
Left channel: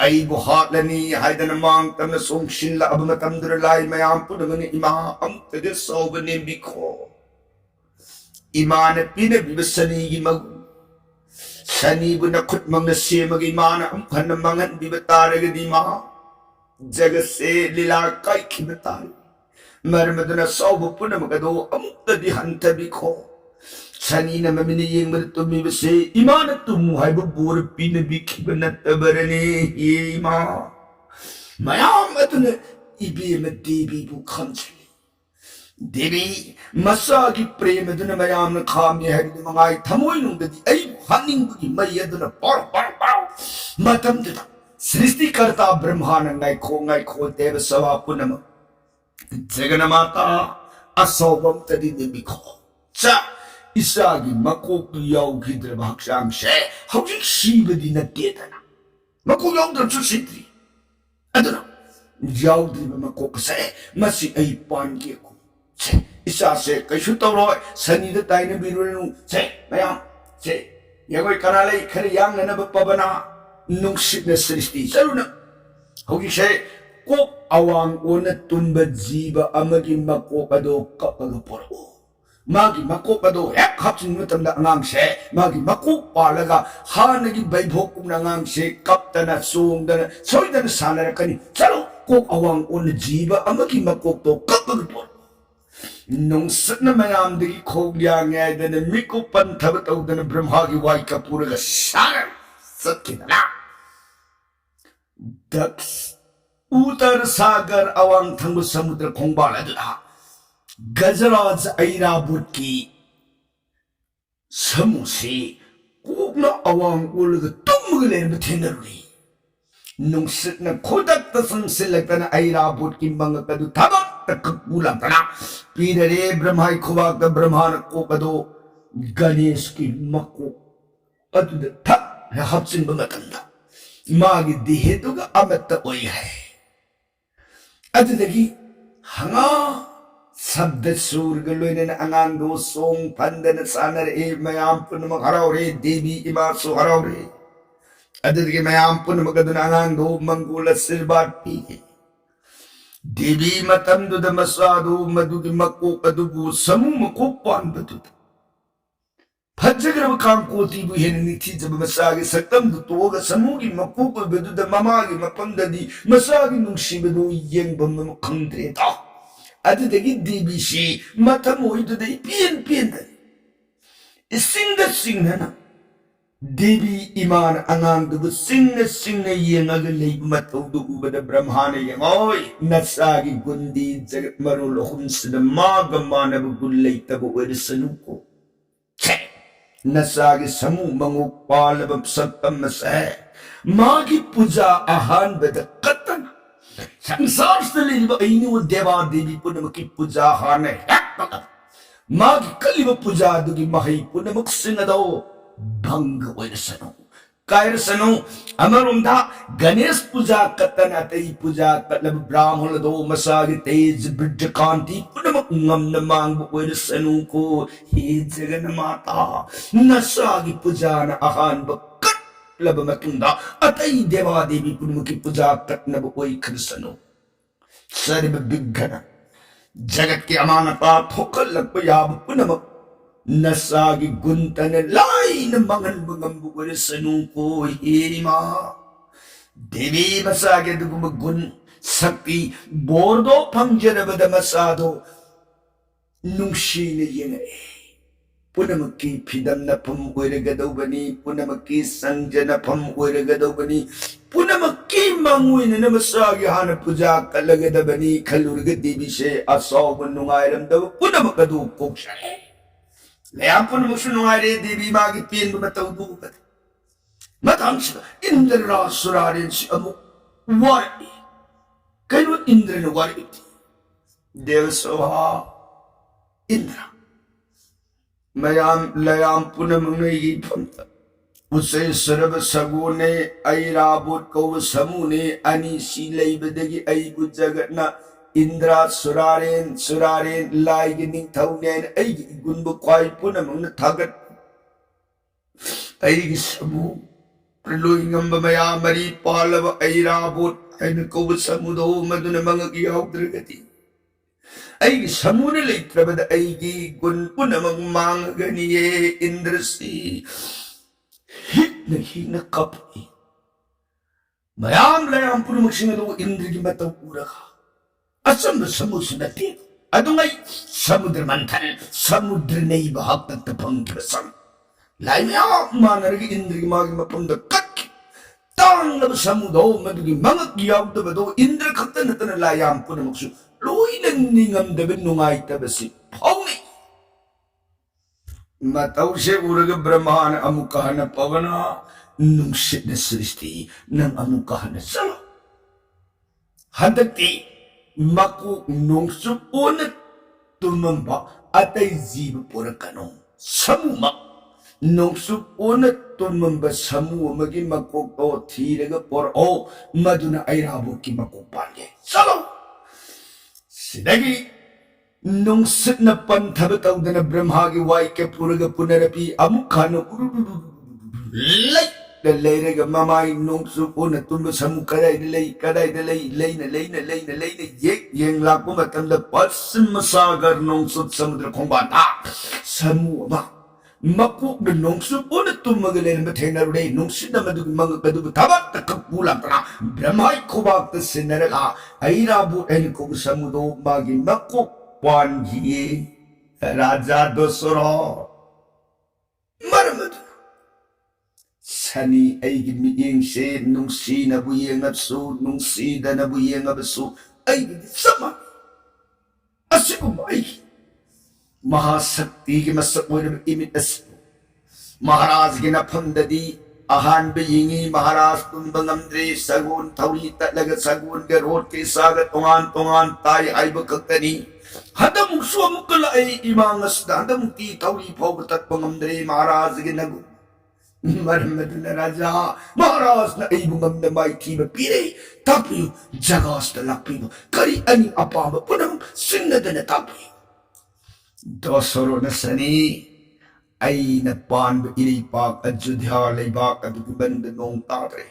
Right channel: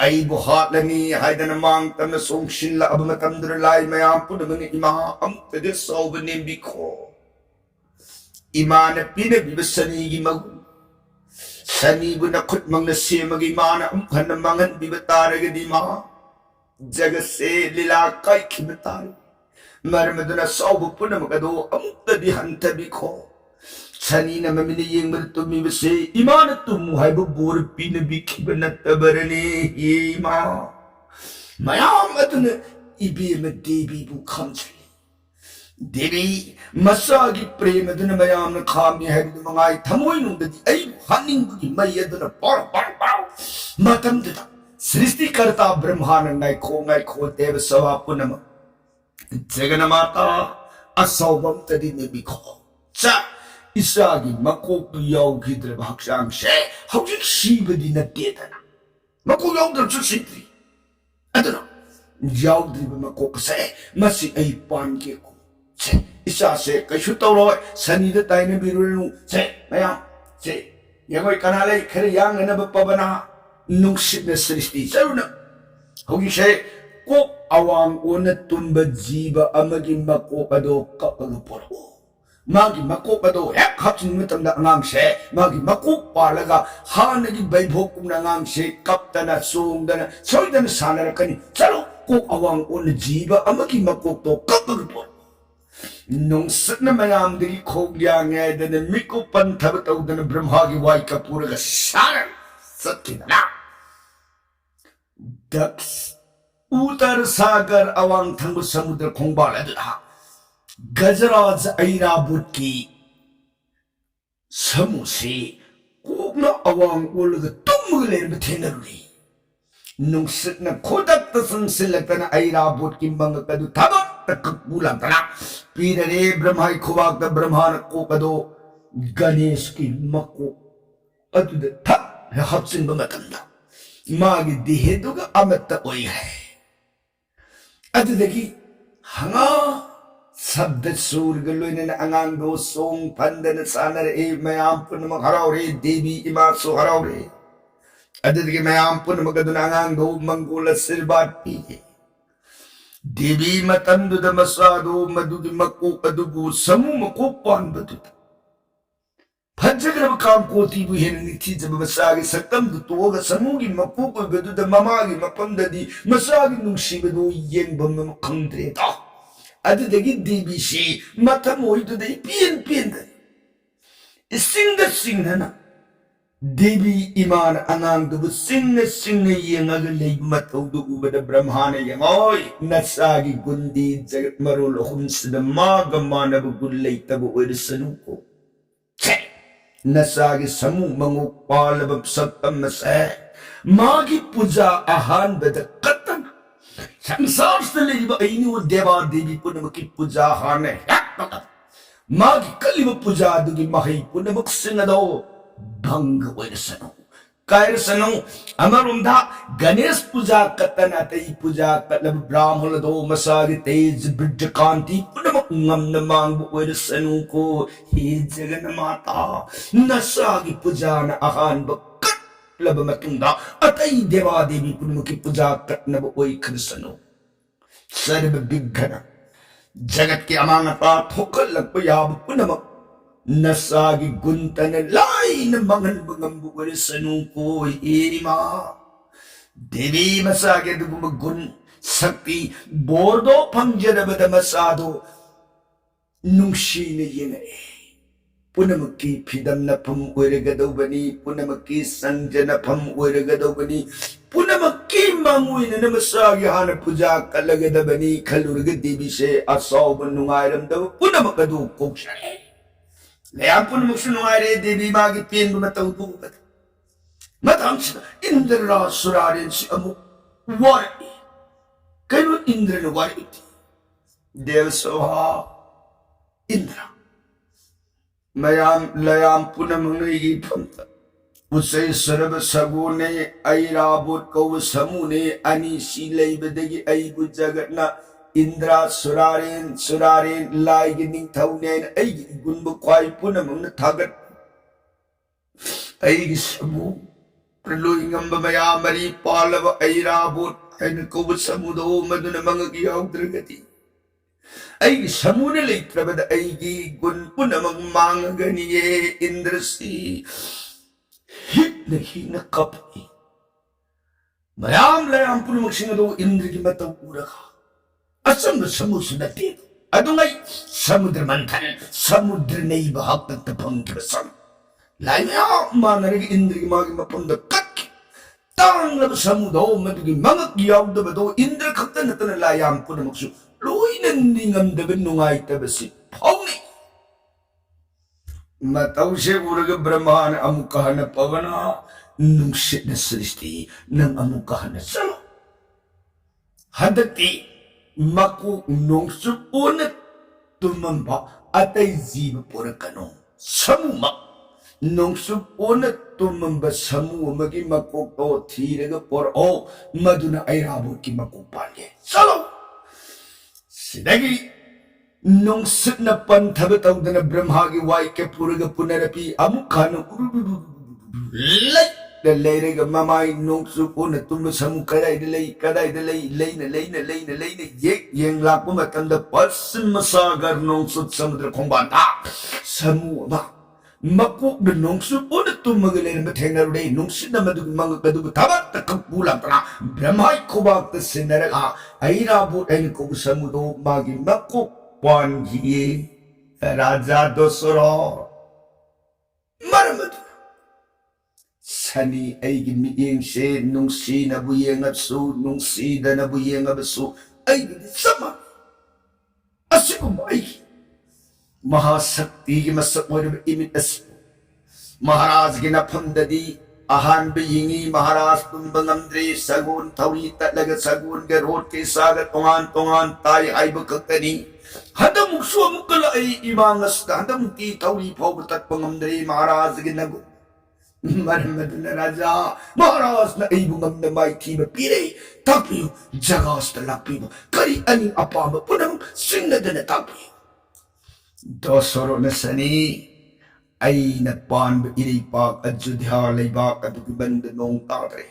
ai bu hatlani haidan mang tam na song shin la abu matam dur lai mayam pun mang ima am de so benem bi kho imana pina bibasani gi mag sani bu na khut mang na se magi imana am khan mangan bibatare gi di ma जग से लीला कई खिबतार मरमदना सौब पुनम कदो अमुक्तदि हंत बिखो सनी न ममिन Young मद तुमि बसे इमान तुम HYBE bore pin बिखिब नतबरने ये मा मयाम अदन इबे म देवी बु खंचले देवी मसागी प्रेम दन मयाम न खामी है मंगाई थमोय नुंददि आई हनिंग बु मय दन पर मतम दता सृष्टिकर्ता ब्रह्मांड नाइखो देव सवा पुनम जगन माता असौबम तदि निबिखो चा इसागी मकोक याउखिद्र भाक्षांग से हौजिक सीबदि नतेदना मको याउद्र सुसिद्रि अदना याउद्रि मकोक से मसी अई पान के को से इसा से कैसु तौरो सनी द ताइने बिरुनु से मया से यगोय कनाले खरे यांग न पबना नुंगसिना सृष्टि चरुना हौजिसे कोक अवांग ओन तुम्ब जीव अमगी मकोक अदो कपग पोरो मागी मकोक अदो हेक हपचिन मतमदा अंगांग से मागी मकोक पालगा हानगी बैभोक कुमना अंगांग से कपतना सोंगदना सोइदना सानरकनी चलो कोक अवांग ओन जीव अमगी मकोक तो कपग पोरो नुंगसना मयाम दगी खोग्या ngैदना मिकु पंथब तौदना ब्रह्मागी वाई कपूरगा सारन सत्किना दक्ष उत्तर सागर अवांग थंग समुद्र खोंगबाल अदुहा गजराज ऐराबुत की समुसे कोकना अवांग ओलग तुमग लेर बथेनरुरी नुंगसितना खोदक संसिलकतना ऐराबुत की मंग कदु थबक तक बुलातना पीररे ब्रह्माई खुवाक ब्रह्मान को कदो गणेश की मको अदुद थक हप्सिन बमतंदा मागी देहेदुगा अमत ओई है अदुदगी हंगा शब्द सूर गलोइन अंगांग दो सोंग पंदन सानर ए मयाम पुनम हरावरे देवी इमा सो हरावरे अदुदगी मयाम पुनम गदन अंगांग दो मंगोल सिरबात पीगे देवी मतंदुद मसादो मदुगी मको अदुगु समू मको पान बदुद फज्जग्रब काम कोती बु हेन निथि जब मसागे सक्तम दु तोगा समूगी मको को बदुद ममागी मपंददी मसागी नुंगसी बदो येंबम खंद्रे ता अदुदगी देवी सी मतम ओइदुदे पियन पियन सिंगना देवी इमान अंगांग दुबु सिंगना येंगाग लेब मतौदु उबद ब्रह्माने यंगोय नसागी गुंदी जगत मरोल हुंसद माग मानब गुल्लै तब ओरसनुको छे नसागी समूह मंगो पालब सत्तम से मागी पूजा आहान बद कतन संसार से लेब ऐनु देवा देवी पुनमकी पूजा हाने मागी कलिब पूजा दुगी महै पुनमक सिंगदो भंग ओरसनु कायरसनु अमरुंदा गणेश पूजा कतन अतई पूजा कलब ब्राह्मण दो मसागी तेज बिड्ड कांति पुनमक ngam mang bu oirasanu ko he jagan mata nasagi puja na ahan ba kat laba matunda atai deva devi punmuki puja kat na bu oi khrsanu sarb bighana jagat ke amanata thokal lakpa yab punamak nasagi guntan lai na mangal bangam bu oirasanu ko he ma devi masagi dugum gun sakti bordo pangjarabada masado नुंगशीने येंगे पुनमकी फिदम नफम ओइरगदौबनी पुनमकी संजनफम ओइरगदौबनी पुनमकी मांगुइन नमसागी हान पूजा कलगदबनी खलुरग देवी से असौब नुंगाइरमदब पुनमकदु कोक्षे लेया पुनमक्सु नुंगाइरे देवी मागी pen मतौदु मतांस Indra सुरारेन से अमु वारि can Indran वारि देव सोहा इंद्र मयाम लयाम पुनमंगई फंत उसे सर्व सगुने ऐराबुत कौ समूने अनिसी लेबदगी ऐबु जगतना इंद्रा सुरारेन लाइगी निंथौनेन ऐगी गुनबु क्वाई पुनमंगन थागत ऐगी समू प्रलोइंगम मया मरी पालव ऐराबुत ऐन कौ समुदो मदुन मंगगी औद्रगति ऐगी समूने लेत्रबद ऐगी गुन पुनमंग मांगगनिये इंद्रसी हिट कपी मयाम लयाम पुनमक्सिंगदो इंद्र की मतौ उरगा असम समुद्र नते अदुंगै समुद्र मंथन समुद्र नहीं बहक तक फंग बसन लाइया मानरगी इंद्र की मागी मपंद कक तांगलब समुदो मदुगी मंगक यावदबदो इंद्र खक्त नतन लायाम पुनमक्सु लोइना निंगमदब नुंगाइतबसि फौनि मतौसे उरग ब्रह्मान अमुकहन पवना नुंसित सृष्टि नंग अमुकहन चलो हदक्ति मकु नुंसु ओन तुमंबा अतै जीव पुरकनो समुमा नुंसु ओन तुमंबा समूह मगी मको तो थीरग पुर ओ मदुना ऐराबु की मको पागे चलो सिदगी नुंसित न पंथब तौदन ब्रह्मा की वाई के पुरग पुनरपि अमुखान लेरग ममाई नुंसु ओन तुम समू कदाई ये येंग लाकु मतंद पश्चिम सागर नुंसु समुद्र खोंबाता समूह मा मकुक द नुंसु ओन तुम गलेन बथेनरुडे नुंसित मदु मंग कदु तबत कपुलातना ब्रह्माई खुबाक सिनरगा ऐराबु एन को समुदो मागी मकुक पानजिए राजा दोसरो मरमदु सनी ऐगी मियेंग से नुंसी नबु येंगबसु नुंसी दनबु येंगबसु ऐगी समा असिकुमाई महाशक्ति की मसक इमित महाराज की नफंददी अहान बेयिंगी महाराज तुम बंगमद्रे सगुन थौरी तलग सगुन के रोड के साग तोंगान ताई आइब कक्तनी हदमुक्सु अमुकल इमांगसदा हदमुक्ति तौरी फाव तत्पंगमद्रे महाराज के नगु मरमदन राजा महाराज न ऐबुंगम माई थी पीरे तापियो जगास्त लापियो करी अनि अपाम पुनम सिंगदन तापियो दोसरो न सनी ऐन पानब इरेपाक अयोध्या लेबाक अदुगि बंद नोंग तादरे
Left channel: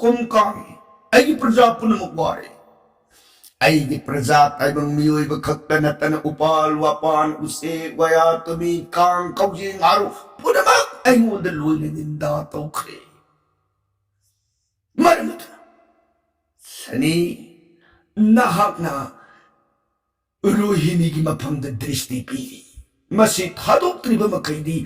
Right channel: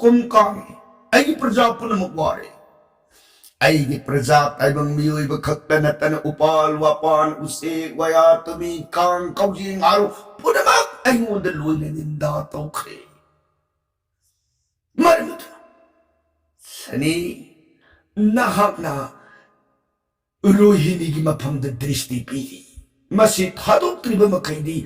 कुमकांगे ऐगी प्रजा पुनम वारे ऐगी प्रजा ताइबंग मियोइब खक्क नतन उपाल वापान उसे वया तुमी कांग कौजिंग आरो पुनमक ऐंगोंद लोइने निंदा तौखरे मरमदुना सनी नहाकना रोहिणी की मफम दृष्टि पीरी मसी थादोक्त्रिब मखैदी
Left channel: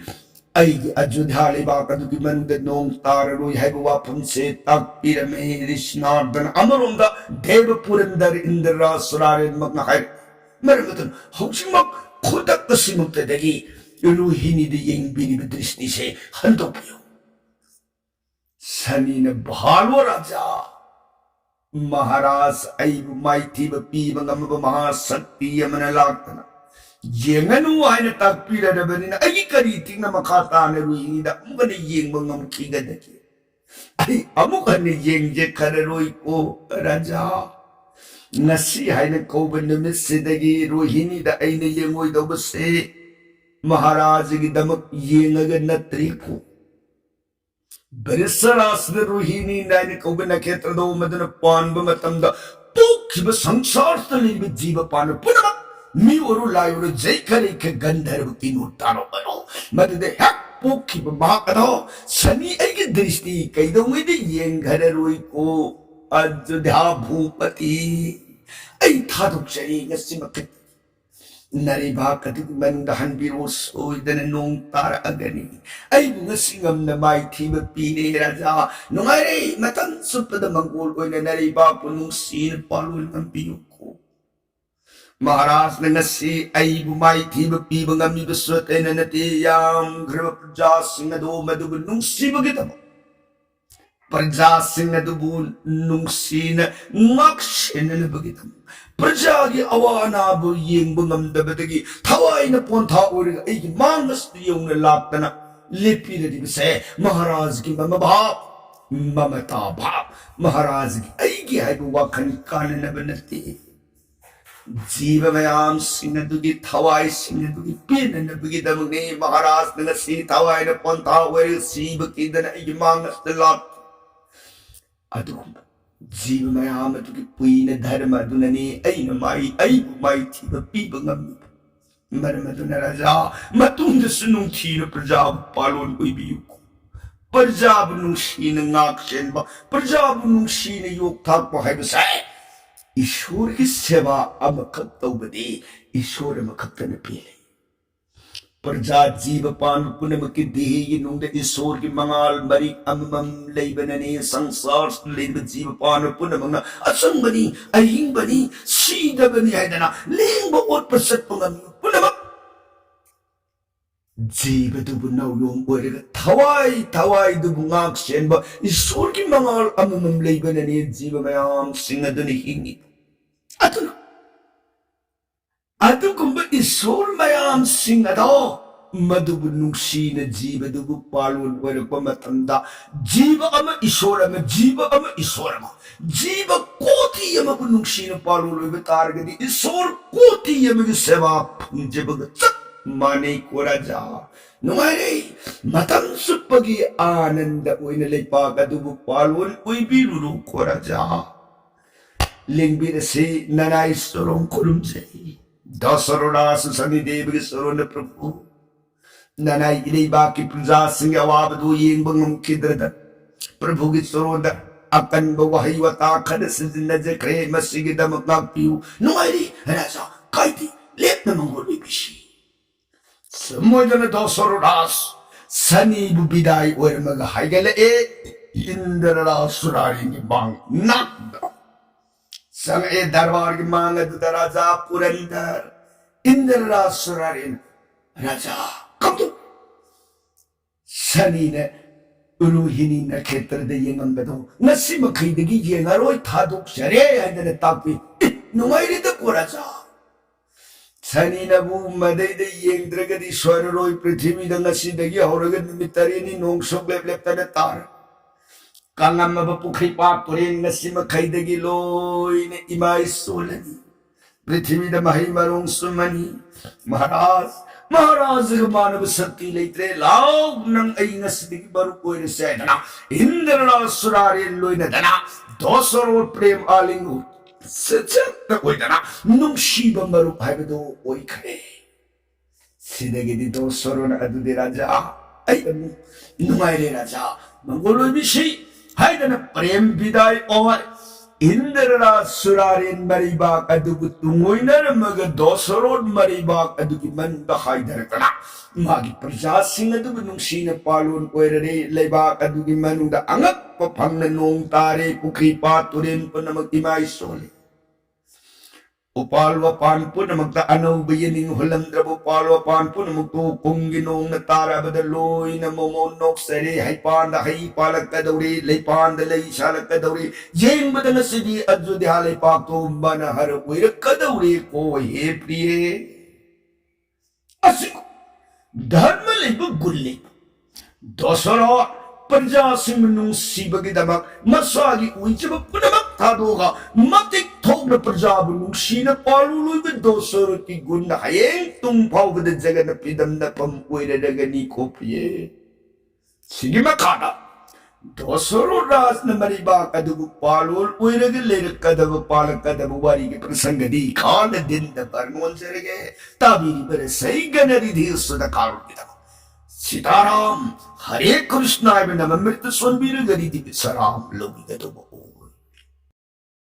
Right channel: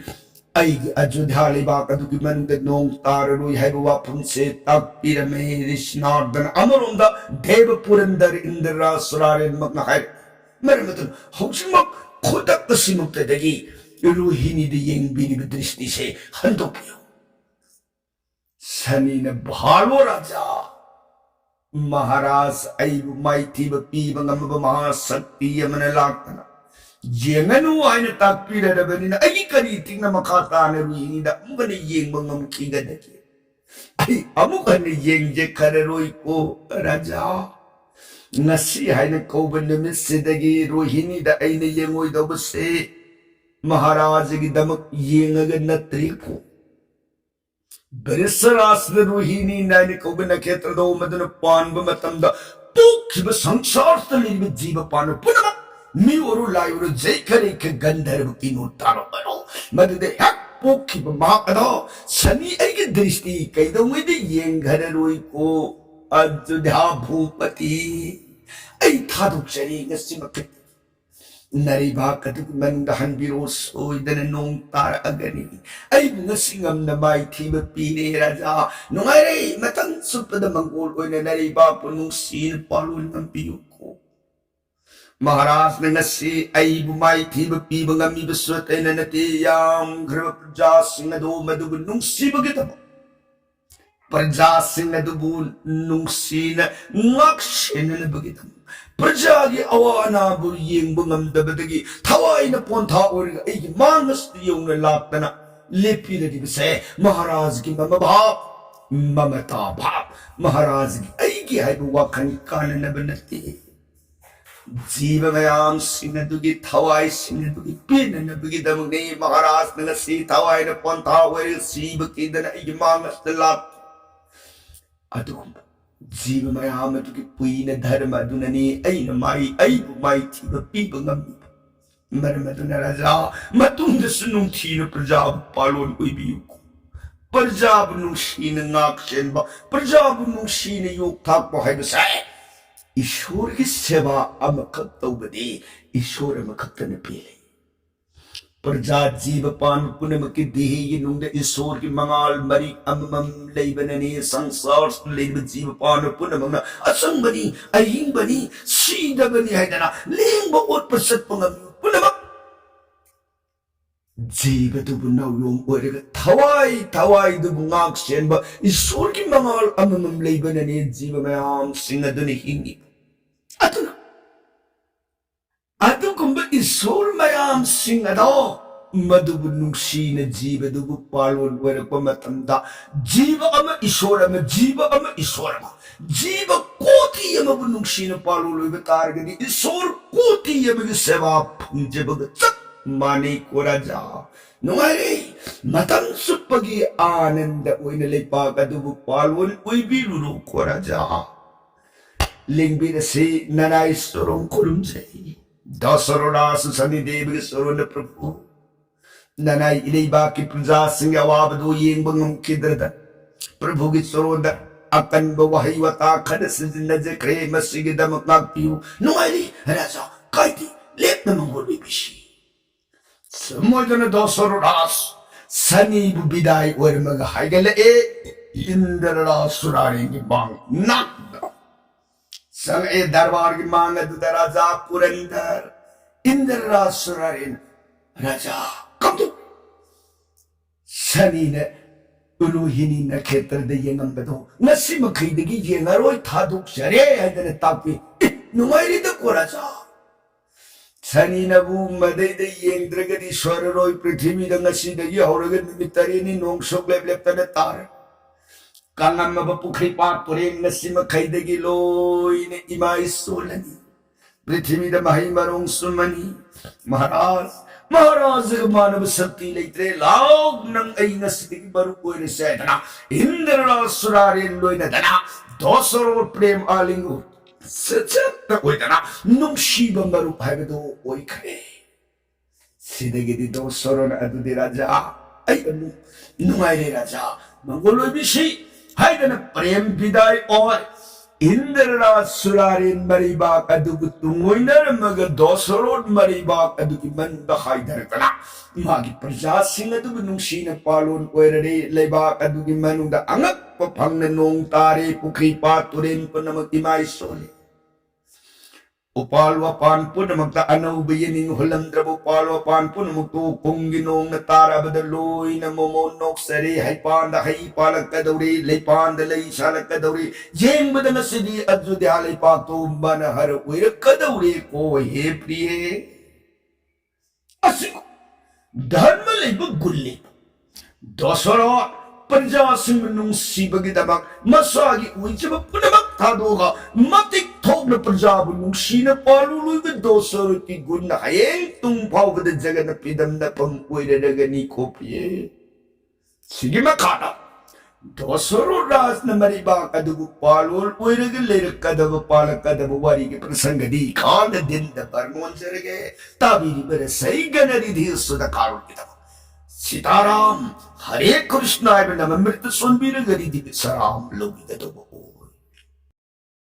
ऐगी अयोध्या लेबाक अदुगि मनुंग नोंग ताररोय हाइब वाफम से ताकपिरमे ऋषनार्दन अमरोंदा देव पुरंदर इंद्रा सुरारेन मक्ना हाय मरमदुना हौसिमक खुदक कसिमुक्तदगी रोहिणी दे येंगबिरिब दृष्टि से हंदोपियो सनी ने भालो राजा महाराज ऐबु माइथीब पीब ngam महाशक्ति यमन लाक्तना येंगनु हायन ताकपिरदबनिना अगी करी तिंगना मखाता ने रुहिणी दा अमुकने येंगब ngam आई अमुकने येंगजे खररोय को राजा ngasi हायन कौब निमित सिदगी रोहिणी दा ऐने येंगोय दबसे महाराज की दमक येंगग नत्री को बरिसरास रोहिणी नायन कौब नक्षत्र दो मदन पानब मतमदा पोखिब संसार तलिब जीव पान पुनम मी ओरु लायोरु जय करे के गंधर्व किनु तानो बनो मददे हक पोखिब महाकदो सनी ऐगी दृष्टि कैदोंगदे येंगघर रोई को अयोध्या भूपति ऐ थादुक चरी गसिमक नरीबा कतुक मन दहन बिरो सोइदन नोंग तार अगनी ऐ ngसिंगम न माई थीब पीरे राजा नुंगाइरे मतन सुपद मंगोल ओइने नरीबा पुनु सीन पालुन अंपियो को महाराज ने ngasi ऐ माई थीब पीब ngami बसवते ननते याम घ्रव प्रजा सिंह दो मदुब नुंगसिब गितम प्रजा सिंह दुबु नुंगसीन ngaksin बगितम प्रजा की अवानाबु येंगबंगमदबदगी थवाइन पोंथा और ऐगी मांगस यौन लाक्तना लेपिरदिबसे महाराज की ममभा ममता भाव महाराज की ऐगी हाइबु वाखन काननबनते जीव मयाम सिंहदुगी थवाई सिंहदुगी पिननबगी दमने महाराज नगसी थवाइन पोंथा और सीब किदन ऐगी मांगस लाक अदुगुम जीव मयाम तुकी पुइन धर्म दुननी ऐन माई ऐबु माई थीब पीब ngam मरमदुना राजा मतुंग सुनुंग थीन प्रजा पालोन ओइबियु प्रजा बुनुसीन ngaksen बा प्रजा बुनुसीन योग थाक हाइबसे ईश्वर की सेवा अमखक तौबदे ईश्वर अमखकन पीले प्रजा जीव पान पुनम की देह नुंग ईश्वर की मंगाल मरी अमम लेबनने संसार लेब जीव पान पुनम असंबनी अहिंबनी सीदबनी हैदना लेंब और प्रसत पंगम पुनम जीव दुबु नवयोम ओरग थवाई थवाई दुबु ngaksen ba ईश्वर की मंगाल अमम लेबनने जीव मयाम सिंह दुनि हिंगी अतुना अदुगुम्ब ईश्वर मयाम सिंह अदो मधुबु नुंगसीन जीव दुबु पालोन वरक मतमदा जीव अम ईश्वर अम जीव अम ईश्वर अम जीव कोटि अमबु नुंगसीन पालोन लोइब तारगदि ईश्वर कोटि अमगी सेवा फुंजेबग चक माने को राजा नुंगाइरे मतम सुपगी आनंद ओइन लेपाक अदुबु पालोन ओइबिरुरो को राजा लिंगबिरसे ननाई सोरों खुरुमजे दसरोरास सनी देव के सोरों प्रभु ननाई इलेबा की प्रजा सिंह अवाबदो येंगबंगम किद्रद प्रभु की सोरों अकन बवही वता खद सिजन जक्रे मसिग दम नापियु नुआइरी राजा काइती लेप न मंगोल बिशी समोदन दसरोरास सनी बुबिदाई और मग हाइगल ए इंद्ररा सुरारी की बांग नाक संग ए दरबार की मांग राजा पुरंदर इंद्र सुरारेन राजा कब तो सनी ने रोहिणी नक्षत्र दे यंगम बदो नसी मखैदगी येंगरोय थादुक शरे हैदने तापी नुंगाइरी द को राजा सनीनबु मदैदे येंद्रगदि स्वररोय पृथ्वीदा ngasiदगी हौरग नुमित तरेनि नोंसोक लेपलेपतने तार कांगमब पुखै पात तुरेन ngasi मखैदगी लोइने इमाई सोलनी पृथ्वीदा मही मरोंग सुमनी महाराज महाराज मानव शक्ति लेत्रे लाओ नंग ऐ ngasiदगी बरु कोइरे सेदना इंद्ररासुरारे लोइने दना दोसरो प्रेम आलिंगु सचत ओइदना नुंगशिबा मरुप हाइबदो ओइखरे सिदगिदि दोसरोन अदुदि राजा ऐ नुंगाइरे राजा मंगोलोइ बिसि हाइदना प्रेम विदाय और इंद्ररासुरारेन मरिबाक अदुगु तुंगोइनर मग दोसरोन मरिबाक अदुगि मनदा हाइदरकना मागी प्रजासिंग अदुगु नुंगसिना पालोन ओइररे लेबाक अदुगि मनुदा अंगक फंगना नोंग तारे पुखरी पात तुरेन पुनमक इमाई सोले उपाल वपान पुनमक अनौब यनिंग हुलमद्रब उपाल वपान पुनमक तो कुंगी नोंग तारा बदलोई न मोमो नोक सरे हाइपान द हाइ पालक कदौरे लेपान द लई शालक कदौरे जेंग बदन सिदी अजुद्या ले पातो मन हर उइर कदौरे को हे प्रिय असिको धर्म लेब गुल्ले दोसरो प्रजा सिंह नुंगसिबगिदमक मसागी उइचब पुनमक थादोगा मतिक थोकन प्रजा नुंगसिन पालुलुइब दोसर की गुण हयें तुम फावद जगन पिदम नपम ओइरगनी कोपिये सिगी मखाना दोसरो राज न मरिबा कदबु पालुल ओइरग लेरकदब पालकदब वारी के प्रसंगदी काल दिन द बरनोन जरगे ताबीरी बर सही गनरिधि सुद कारुण सीताराम हरे कृष्णाय नमृत सोनबीर गरी दिव्य सराम लोगी गदो